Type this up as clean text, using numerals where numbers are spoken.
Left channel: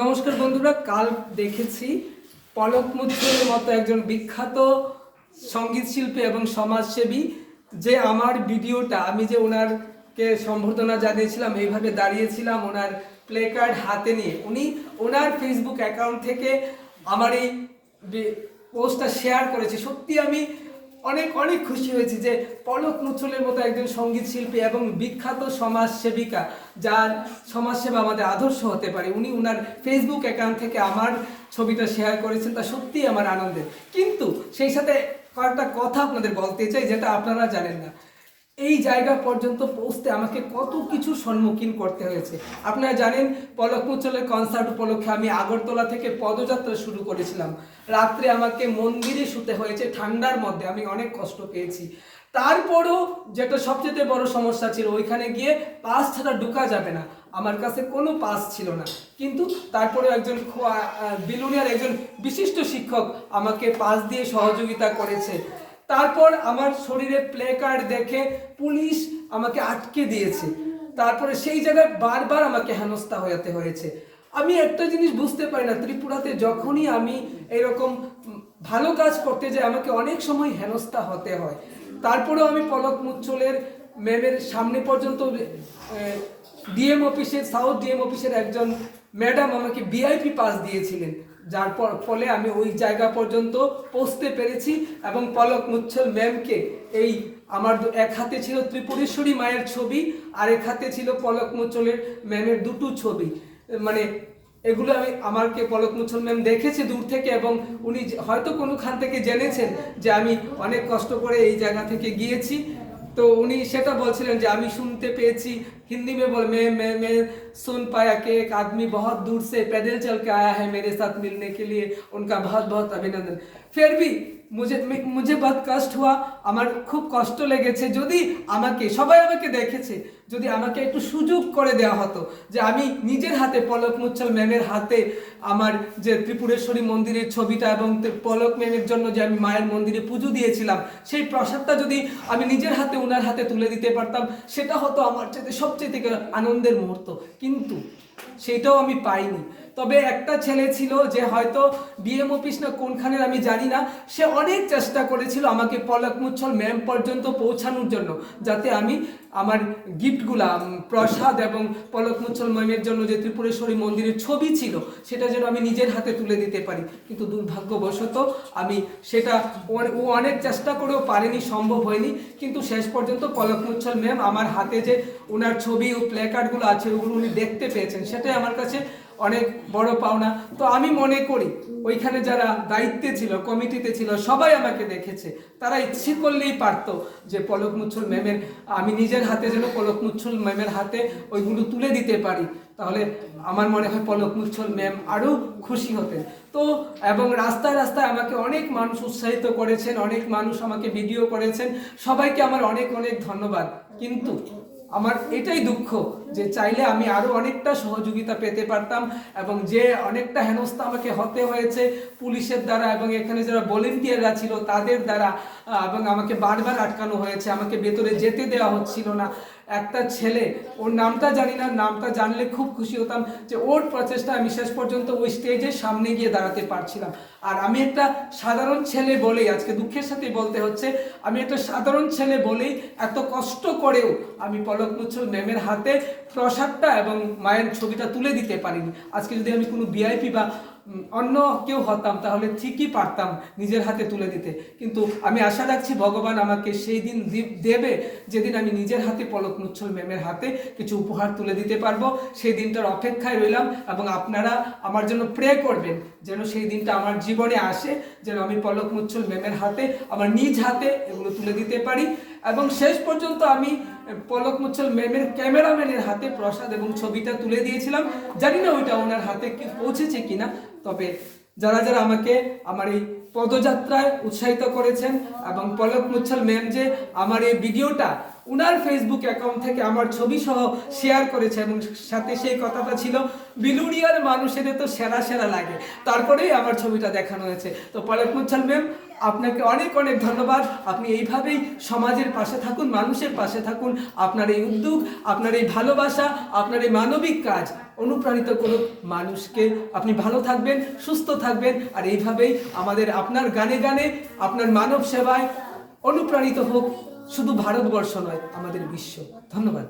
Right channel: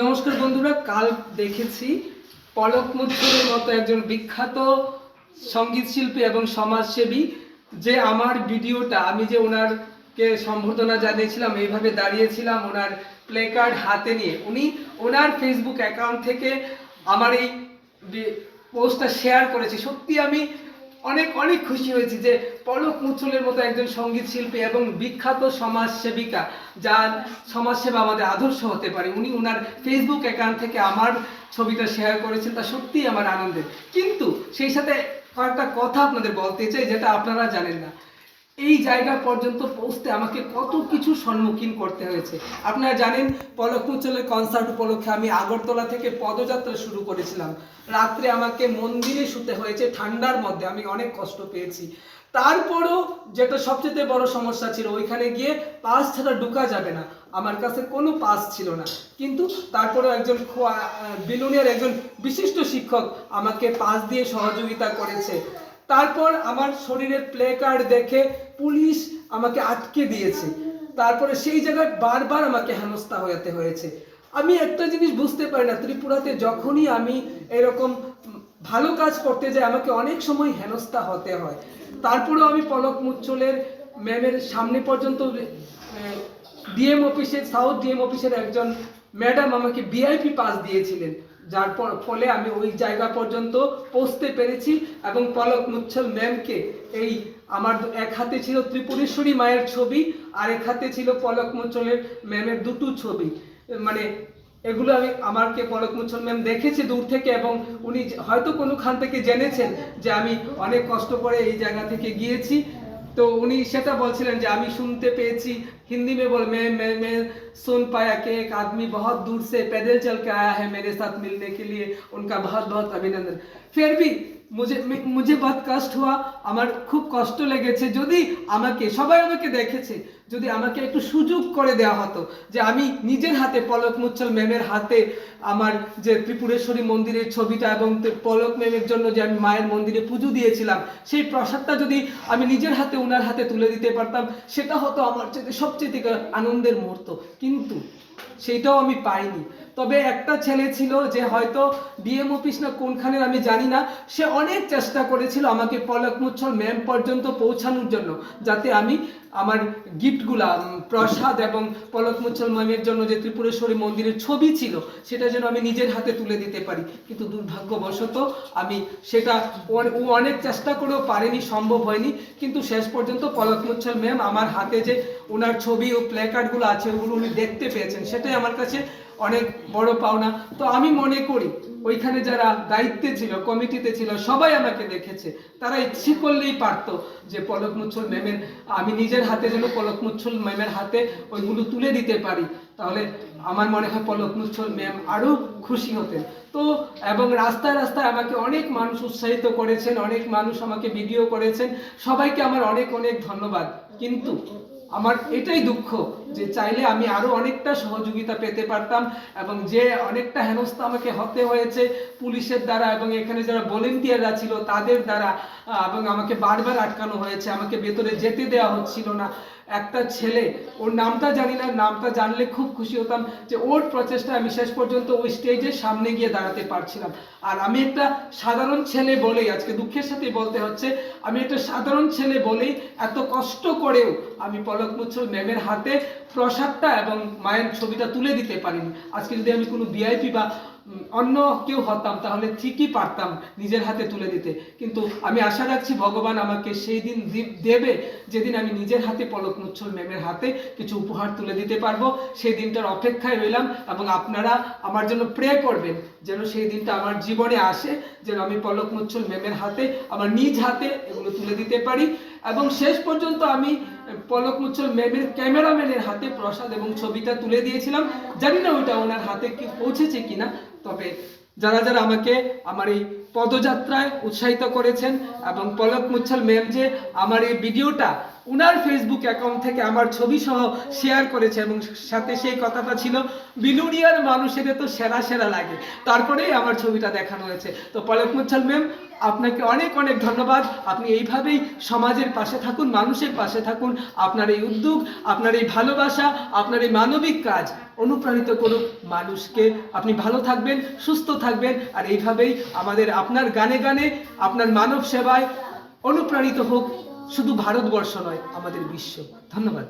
নমস্কার বন্ধুরা, কাল দেখেছি পলক মুচ্ছলের মতো একজন বিখ্যাত সঙ্গীত শিল্পী এবং সমাজসেবী যে আমার ভিডিওটা আমি যে ওনারকে সম্বর্ধনা জানিয়েছিলাম, এইভাবে দাঁড়িয়েছিলাম ওনার প্লে কার্ড হাতে নিয়ে, উনি ওনার ফেসবুক অ্যাকাউন্ট থেকে আমার এই পোস্টটা শেয়ার করেছে। সত্যি আমি অনেক অনেক খুশি হয়েছি যে পলক মুচ্ছলের মতো একজন সঙ্গীত শিল্পী এবং বিখ্যাত সমাজসেবিকা, যার সমাজসেবা আমাদের আদর্শ হতে পারে, উনি ওনার ফেসবুক অ্যাকাউন্ট থেকে আমার ছবিটা শেয়ার করেছেন। তা সত্যিই আমার আনন্দের। কিন্তু সেই সাথে কয়েকটা কথা আপনাদের বলতে চাই যেটা আপনারা জানেন না। এই জায়গা পর্যন্ত পৌঁছতে আমাকে কত কিছু সম্মুখীন করতে হয়েছে। আপনারা জানেন পলক মুচ্ছলের কনসার্ট উপলক্ষে আমি আগরতলা থেকে পদযাত্রা শুরু করেছিলাম। রাত্রে আমাকে মন্দিরে শুতে হয়েছে, ঠান্ডার মধ্যে আমি অনেক কষ্ট পেয়েছি। তারপরও যেটা সবচেয়ে বড় সমস্যা ছিল, ওইখানে গিয়ে পাস ছাড়া ঢোকা যাবে না, আমার কাছে কোনো পাস ছিল না। কিন্তু তারপরে একজন বিলুনিয়ার একজন বিশিষ্ট শিক্ষক আমাকে পাস দিয়ে সহযোগিতা করেছে। তারপর আমার শরীরে প্লে কার্ড দেখে পুলিশ আমাকে আটকে দিয়েছে। তারপরে সেই জায়গায় বারবার আমাকে হেনস্থা হতে হয়েছে। আমি একটা জিনিস বুঝতে পারি না, ত্রিপুরাতে যখনই আমি এরকম ভালো কাজ করতে যাই আমাকে অনেক সময় হেনস্থা হতে হয়। তারপরেও আমি পলক মুচ্ছলের ম্যামের সামনে পর্যন্ত ডিএম অফিসের, সাউথ ডিএম অফিসের একজন ম্যাডাম আমাকে ভিআইপি পাস দিয়েছিলেন, যার ফলে আমি ওই জায়গা পর্যন্ত পৌঁছতে পেরেছি। এবং পলক মুচ্ছল ম্যামকে এই আমার এক হাতে ছিল ত্রিপুরেশ্বরী মায়ের ছবি, আর এক হাতে ছিল পলক মুচ্ছলের ম্যামের দুটো ছবি। মানে এগুলো আমাকে পলক মুচ্ছল ম্যাম দেখেছে দূর থেকে, এবং উনি হয়তো কোনোখান থেকে জেনেছেন যে আমি অনেক কষ্ট করে এই জায়গা থেকে গিয়েছি। তো উনি সেটা বলছিলেন যে আমি শুনতে পেয়েছি हिंदी में बोल मैं सुन पाया कि एक आदमी बहुत दूर से पैदल चल के आया है मेरे साथ मिलने के लिए, उनका बहुत बहुत अभिनंदन। फिर भी मुझे बहुत कष्ट हुआ, আমার খুব কষ্ট লেগেছে। যদি আমাকে সবাই আমাকে দেখেছে, যদি আমাকে একটু সুযোগ করে দেওয়া হতো যে আমি নিজের হাতে পলক মুচ্ছল ম্যামের হাতে আমার যে ত্রিপুরেশ্বরী মন্দিরের ছবিটা এবং পলক ম্যামের জন্য যে আমি মায়ের মন্দিরে পুজো দিয়েছিলাম, সেই প্রসাদটা যদি আমি নিজের হাতে ওনার হাতে তুলে দিতে পারতাম, সেটা হতো আমার সবচেয়ে আনন্দের মুহূর্ত। কিন্তু সেটাও আমি পাইনি। তবে একটা ছেলে ছিল যে হয়তো ডিএম অফিস না কোনখানের আমি জানি না, সে অনেক চেষ্টা করেছিল আমাকে পলক মুচ্ছল ম্যাম পর্যন্ত পৌঁছানোর জন্য, যাতে আমি আমার গিফটগুলা প্রসাদ এবং পলক মুচ্ছল ম্যামের জন্য যে ত্রিপুরেশ্বরী মন্দিরের ছবি ছিল সেটা যেন আমি নিজের হাতে তুলে দিতে পারি। কিন্তু দুর্ভাগ্যবশত আমি সেটা ও অনেক চেষ্টা করেও পারিনি, সম্ভব হয়নি। কিন্তু শেষ পর্যন্ত পলক মুচ্ছল ম্যাম আমার হাতে যে ওনার ছবি ও প্ল্যাকার্ডগুলো আছে ওগুলো উনি দেখতে পেয়েছেন, সেটাই আমার কাছে অনেক বড় পাওনা। তো আমি মনে করি ওইখানে যারা দায়িত্বে ছিল, কমিটিতে ছিল, সবাই আমাকে দেখেছে, তারা ইচ্ছে করলেই পারতো যে পলক মুচ্ছল ম্যামের আমি নিজের হাতে যেন পলক মুচ্ছল ম্যামের হাতে ওইগুলো তুলে দিতে পারি, তাহলে আমার মনে হয় পলক মুচ্ছল ম্যাম আরও খুশি হতেন। তো এবং রাস্তায় রাস্তায় আমাকে অনেক মানুষ উৎসাহিত করেছেন, অনেক মানুষ আমাকে ভিডিও করেছেন, সবাইকে আমার অনেক অনেক ধন্যবাদ। কিন্তু আমার এটাই দুঃখ যে চাইলে আমি আরও অনেকটা সহযোগিতা পেতে পারতাম, এবং যে অনেকটা হেনস্থা আমাকে হতে হয়েছে পুলিশের দ্বারা এবং এখানে যারা ভলেন্টিয়াররা ছিল তাদের দ্বারা, এবং আমাকে বারবার আটকানো হয়েছে, আমাকে ভেতরে যেতে দেওয়া হচ্ছিল না। একটা ছেলে, ওর নামটা জানি না, নামটা জানলে খুব খুশি হতাম যে ওর প্রচেষ্টা আমি শেষ পর্যন্ত ওই স্টেজের সামনে গিয়ে দাঁড়াতে পারছিলাম। আর আমি একটা সাধারণ ছেলে বলেই, আজকে দুঃখের সাথে বলতে হচ্ছে, আমি একটা সাধারণ ছেলে বলেই এত কষ্ট করেও আমি পলক মুচ্ছল ম্যামের হাতে প্রসাদটা এবং মায়ের ছবিটা তুলে দিতে পারিনি। আজকে যদি আমি কোনো ভিআইপি বা অন্য কেউ হতাম তাহলে ঠিকই পারতাম নিজের হাতে তুলে দিতে। কিন্তু আমি আশা রাখছি ভগবান আমাকে সেই দিন দেবে যেদিন আমি নিজের হাতে পলক মুচ্ছল ম্যামের হাতে কিছু উপহার তুলে দিতে পারবো। সেই দিনটার অপেক্ষায় রইলাম, এবং আপনারা আমার জন্য প্রে করবেন যেন সেই দিনটা আমার জীবনে আসে, যেন আমি পলক মুচ্ছল ম্যামের হাতে আমার নিজ হাতে এগুলো তুলে দিতে পারি। এবং শেষ পর্যন্ত আমি পলক মুচ্ছল ম্যামের ক্যামেরাম্যানের হাতে প্রসাদ এবং ছবিটা তুলে দিয়েছিলাম। জানি না ওইটা ওনার হাতে কি পৌঁছেছে কিনা, তবে যারা যারা আমাকে আমার এই পদযাত্রায় উৎসাহিত করেছেন, এবং পলক মুচ্ছল ম্যাম যে আমার এই ভিডিওটা উনার ফেসবুক অ্যাকাউন্ট থেকে আমার ছবি সহ শেয়ার করেছে, এবং সাথে সেই কথাটা ছিল বিলুনিয়ার মানুষের তো সেরা সেরা লাগে, তারপরেই আমার ছবিটা দেখানো হয়েছে। তো পলক মুচ্ছল ম্যাম, আপনাকে অনেক অনেক ধন্যবাদ। আপনি এইভাবেই সমাজের পাশে থাকুন, মানুষের পাশে থাকুন। আপনার এই উদ্যোগ, আপনার এই ভালোবাসা, আপনার এই মানবিক কাজ অনুপ্রাণিত করুক মানুষকে। আপনি ভালো থাকবেন, সুস্থ থাকবেন, আর এইভাবেই আমাদের আপনার গানে গানে আপনার মানব সেবায় অনুপ্রাণিত হোক শুধু ভারতবর্ষ নয়, আমাদের বিশ্ব। ধন্যবাদ।